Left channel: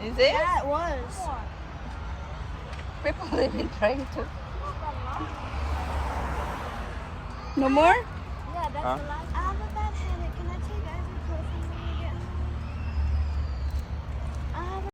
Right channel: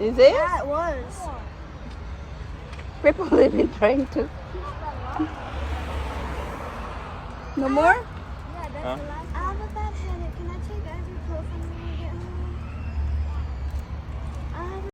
Is it? Yeah, it was. People have been trying to. No more? Yeah, that's Huh? the last.